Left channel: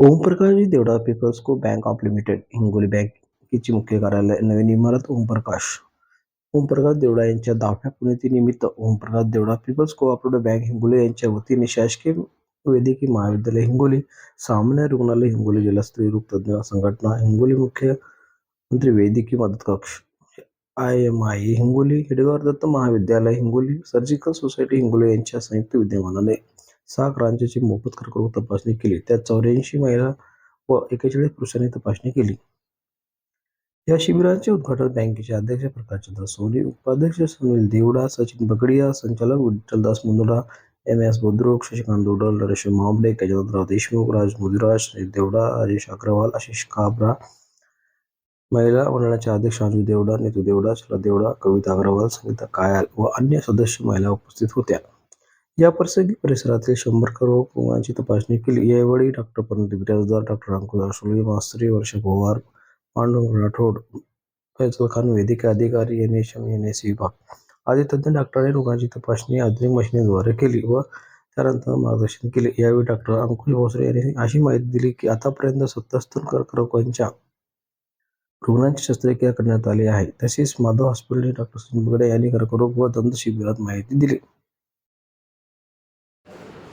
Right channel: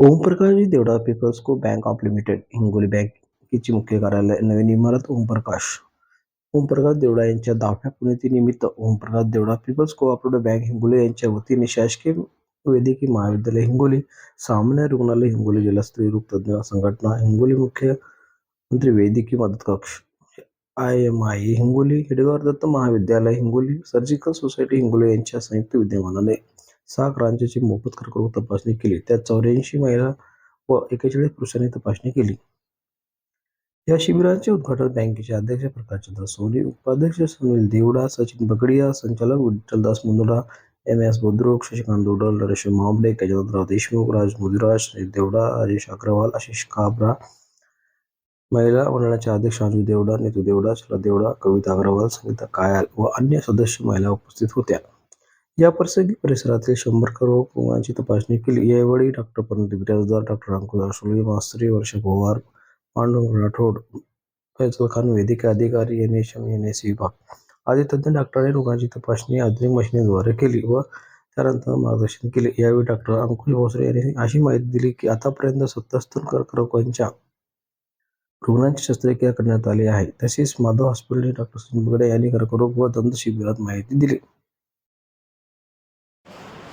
Omprakash Devda people's को bank of limited Hingoli बँकेची मुख्य कार्यालय नवीन इमारत ओमप्रकाश. ओमप्रकाश देवडा यांच्या दहाव्या पुण्यतिनिमित्त Omprakash Devda people's cooperative bank Hingoli यांच्या वतीने शासकीय वैद्यकीय महाविद्यालय हिंगोली सामान्य रुग्णालय हिंगोली जिल्हा स्त्री तज्ज्ञ संघटना हिंगोली मुख्यमंत्री वैद्यकीय मदत कक्ष I M I Hingoli Hedgewar Datta महाविद्यालय हिंगोली सर्जिकल सोसायटी हिंगोली यांच्या संयुक्त विद्यमानाने सहा क्रांतीची मोफत कर्करोग तपासणी केली. त्यात चौऱ्याऐंशी महिला व एकेचाळीस पुरुषांनी तपासणी केली. या शिबिराचे उद्घाटन बँकेचे अध्यक्ष प्रकाशचंद्र सोनी उपाध्यक्ष सुनील देवडा सचिन बगडिया संचालक विठ्ठलदास मुंदडा एम एस बोद्रोक शशिकांत दोडल नरेश मामले गजानंदराव देशमुख राज मुदिराज देवडा राजेश अग्रवाल आशिष काबरा महिला मंडळाचे अध्यक्ष अंजू देवडा नितू देवडा शरद देवडा कविता अग्रवाल संगीता कायाल व अन्य सदस्य महिला उपस्थित होत्या. या प्रसंगी परिसरातील शंभर करोड रुग्णांची तपासणी केली. यावेळी डॉक्टर पंडित बिराजदार डॉक्टर अंकुश आशुले मास्त्री वर्ष पवार पांडुरंग राठोड फैजल खान वैद्यकीय अधिकारी N S M N S विभाग आदी तज्ज्ञ डॉक्टरांनी रुग्णांची तपासणी आधुनिक मशिनीद्वारे केली व त्यानंतर मार्गदर्शन केले. यावेळी डॉक्टर अंकुश भोसरे यांनी अशी माहिती दिली की आतापर्यंत सत्तर कर्करोगांच्या रुग्णांची शस्त्रक्रिया करण्यात आली आहे. तसेच माधव हॉस्पिटलचे डॉक्टर सुनील बगडे यांनी कर्करोग व दंत शिबिरात माहिती दिली.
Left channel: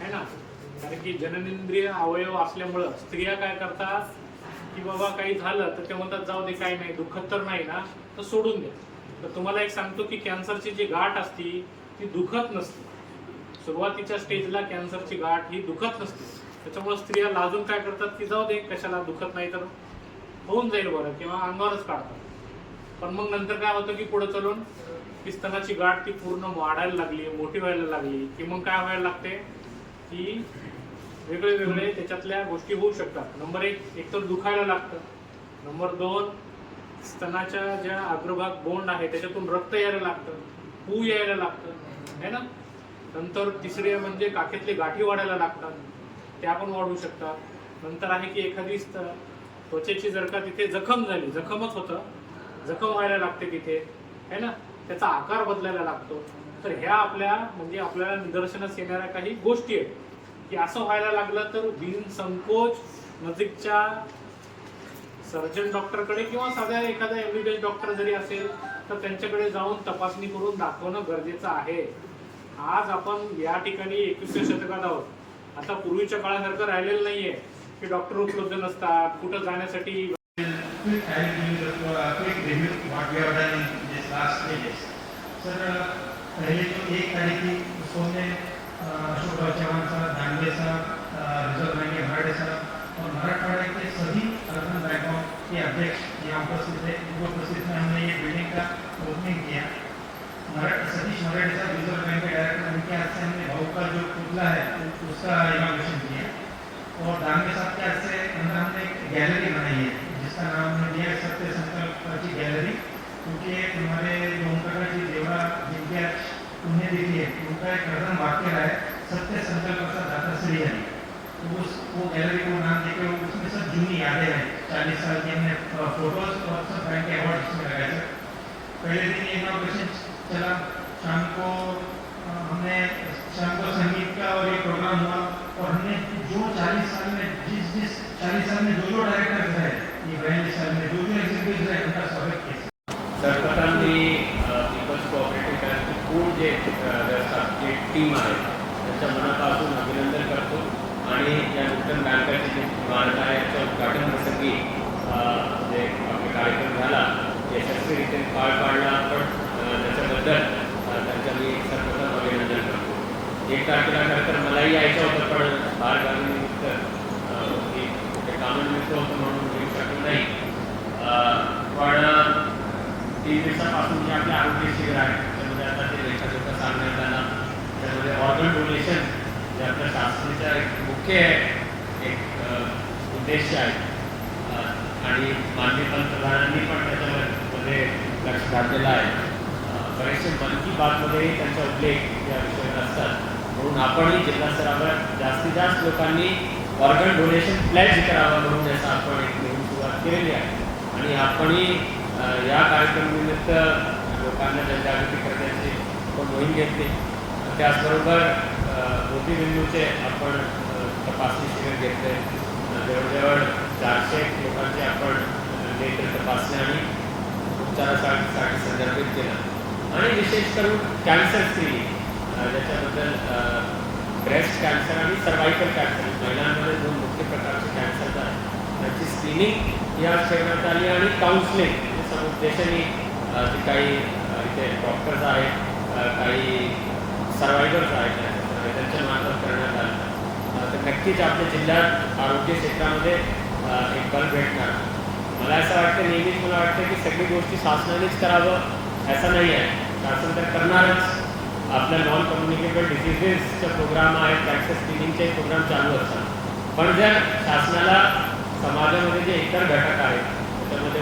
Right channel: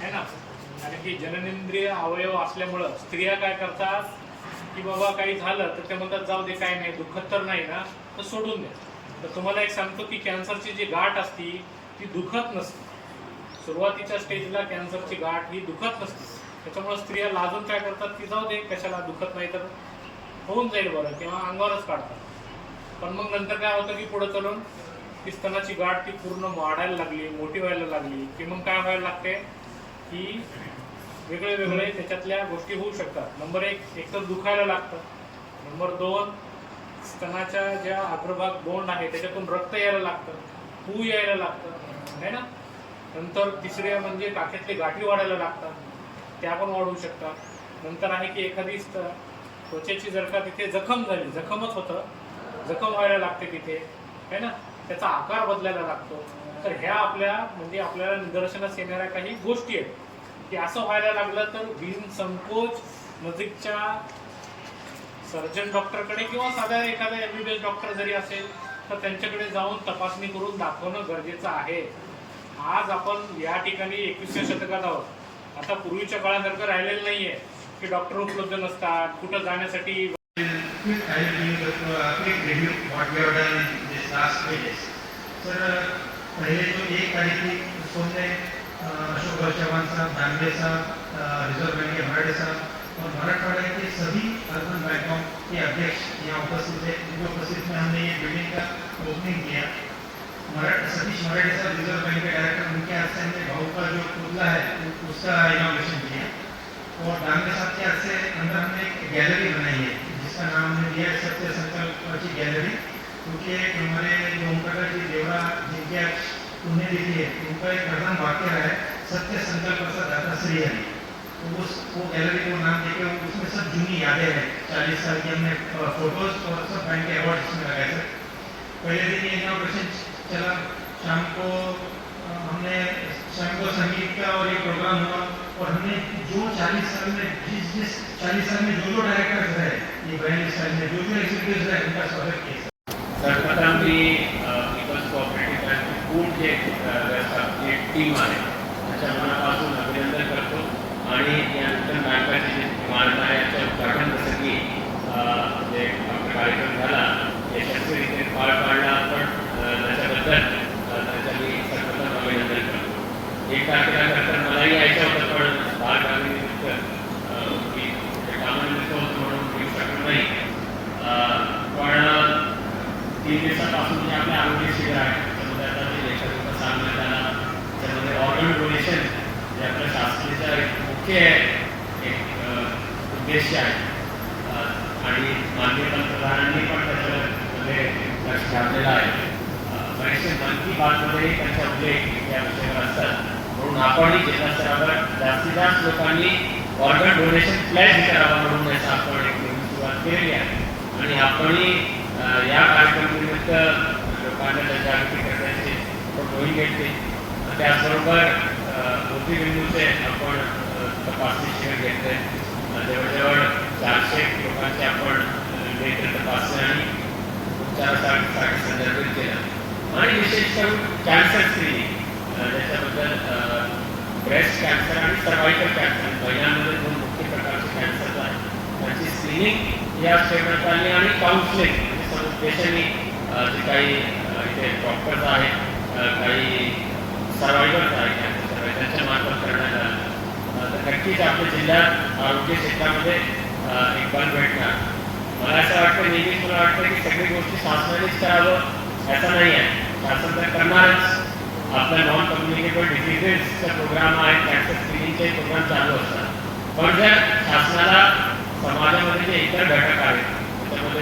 आहे ना? कारण की जननेंद्रिय अवयव असल्यामुळं स्त्रिया काय करतात? की बाबा काही झालं तर ते म्हणतात जाऊ दे काही नाही दुखत तर नाही ना? तर सोडून द्या. तर तुम्हाला एक सांगतो की कॅन्सरची जी गाठ असती ती दुखत नसते. सुरुवातीच्या स्टेजला कॅन्सरची गाठ ही दुखत नसते. त्याच्यामुळे स्त्रिया लाजून काय करतात की जाऊ दे कशाला दुखत नाही तर? होऊन जाईल बरं किंवा अंगावरच काढतात. पण मग नंतर काय होतं की पुढे चलून की स्तनाची गाठ ती पूर्ण वाढायला लागली मोठी व्हायला लागली की मग काय व्हायला लागते? की वेगळे वेगळे त्याच्यातल्या गोष्टी होऊ शकतात. नंबर एक एकतर दुखायला लागतं. नंबर दोन स्तनाच्या ज्या अग्रभाग बोंड आहे त्याच्यातून रक्त यायला लागतं. पू यायला लागतं. है ना? नंतर तिसरे म्हणजे काखेतले गाठी वाढायला लागतात. त्या पण वाढू शकतात. नंतर आहे की एखादी त्वचेची जर का तिथे जखम झाली जखमच होतं. जखम व्हायला लागते तिथे. है ना? त्याचा आकार बदलायला लागतो. तर ह्या आपल्या म्हणजे आपल्याला निदर्शनास येणाऱ्या काही गोष्टी आहेत. की असं व्हायला लागलं तर बिन संकोच नजीकच्या सर्जन डॉक्टरकडे किंवा साध्या एखादा एमबीबीएस डॉक्टर जरी असेल तर त्यांच्याकडे जाऊन तपासणी करून दाखवणं गरजेचं आहे. आज आपण या ठिकाणी एकविसव्या शतकात आहोत. आता पूर्वीच्या काळासारखं राहिलेलं नाहीये की डॉक्टर उपलब्ध नसतात कुठं जाण्यासाठी तर पहिले जो एक तारीखी उसने अशोक चौहान साहब दानवे साहब रिज़र्व बैंक के मराठे साहब और मराठवाड़ा के सभी अर्बन बैंकों के अध्यक्ष यहाँ उपस्थित थे उनके उपस्थित में हमने ये बिल्डिंग का ओपनिंग किया सतीश मराठे साहब रिज़र्व बैंक के डायरेक्टर उनके हाथ से हमने भाऊ का जो पुतला है उसका इनाग्रेशन किया और दानवे साहब के हाथ से अंदर हमने गैलरी बनाई है जिसका नाम हमने दिया है सत्य संकल्प की गैलरी क्योंकि हमारे जो ओमप्रकाश जी देवड़ा जिनके आज पुण्यतिथि है उनका एक प्रधान वाक्य है, सत्य संकल्प का दाता श्री हरि। तो उस वो गैलरी को नाम देके उसमें सब जूनी यादें हैं। चालीस साल की हमने फ़ोटोज़ और सब बैंक के अवार्ड इसमें लगाए थे। पहले दिन इनाग्रेशन चला। शाम को हमने, शाम को संगीत का और एक प्रोग्राम हुआ और हमने जो चालीस साल में, जिस जिस चालीस साल में जो जो डायरेक्टर्स रहे, ये बयालीस साल में जो जो एग्जीक्यूटिव रहे, उनका स्वागत किया। जे व्यवस्थापक जे टीम आहे. त्यांच्या मनापासून अभिनंदन करतो. आणि या नूतन बँकाची जी इमारत आहे याच्या उद्घाटन प्रसंगी जे आपला कार्यक्रम झाला यशस्वीरित्या पार पाडला. पण त्याच्याबद्दल त्यांच्या मी सर्वप्रथम अभिनंदन करतो. एक तारखेला खरं मलाही यायचं होतं पण बालगावी निमित्त मी कुठे कामानिमित्त होतं म्हणून येऊ शकलो नाही. पण तीन दिवसापासून जे आपल्या आरोग्य शिबिर आहे. त्यामध्ये त्यामध्ये ऑर्गन डोनेशन जे आपल्या एक मुख्य एक उद्देश आहे. आणि माननीय पंतप्रधानांनी पण त्याच्यामध्ये लक्ष घातलेलं आहे. बरेचसे मन की बातमध्येही त्यांचा उल्लेख या विषयावर असतात. म्हणून आपणही जिल्हा स्तरावर जास्तीत जास्त लोकांनी ऑर्गन डोनेशन प्लॅज करावं म्हणून याचा आपण एक नवीन सुरुवात केलेली आहे. आणि आपणही या कार्यक्रमानिमित्त लोकांना जनजागृती करण्याची मोहीम घेतली. त्याचबरोबर मोतीबिंदूचे आपण तपासणी शिबिर घेतले. अ, नेत्र तपासणी आणि उपचारासाठी संदर्भित केलं. आणि विशेष करून कॅन्सर स्क्रीनिंग ज्याच्याबद्दल ब्रेस्ट कॅन्सर आणि सर्वायकल कॅन्सर महिलांमध्ये दोन मुख्य प्रकारचे कॅन्सर आहेत त्यांची स्क्रीनिंग या ठेवण्यात आली आणि काउन्सिलिंग म्हणजे समुपदेशाने जे काही इथे डॉक्टर्स आहेत काही सर्वायव्हर्स आहेत. कॅन्सर त्यांच्या मार्फत करण्यात आलं. तर नक्कीच आपल्या जिल्ह्यात आरोग्य क्षेत्रामध्ये एक बल भेटणार. मला असं वाटतं नेहमीच मला वाटतं की सगळी गोष्टी शासनानेच करावं असं नाही आहे. शासन तर करणारच. आपल्या नॉन कम्युनिकेबल डिसिजेसचा प्रोग्राम आहे कॅन्सर स्क्रीनिंगचे प्रोग्राम चालू असतात. पण जर शासनाला समाजामध्ये जे इतर घटक आहेत त्याच्यामध्ये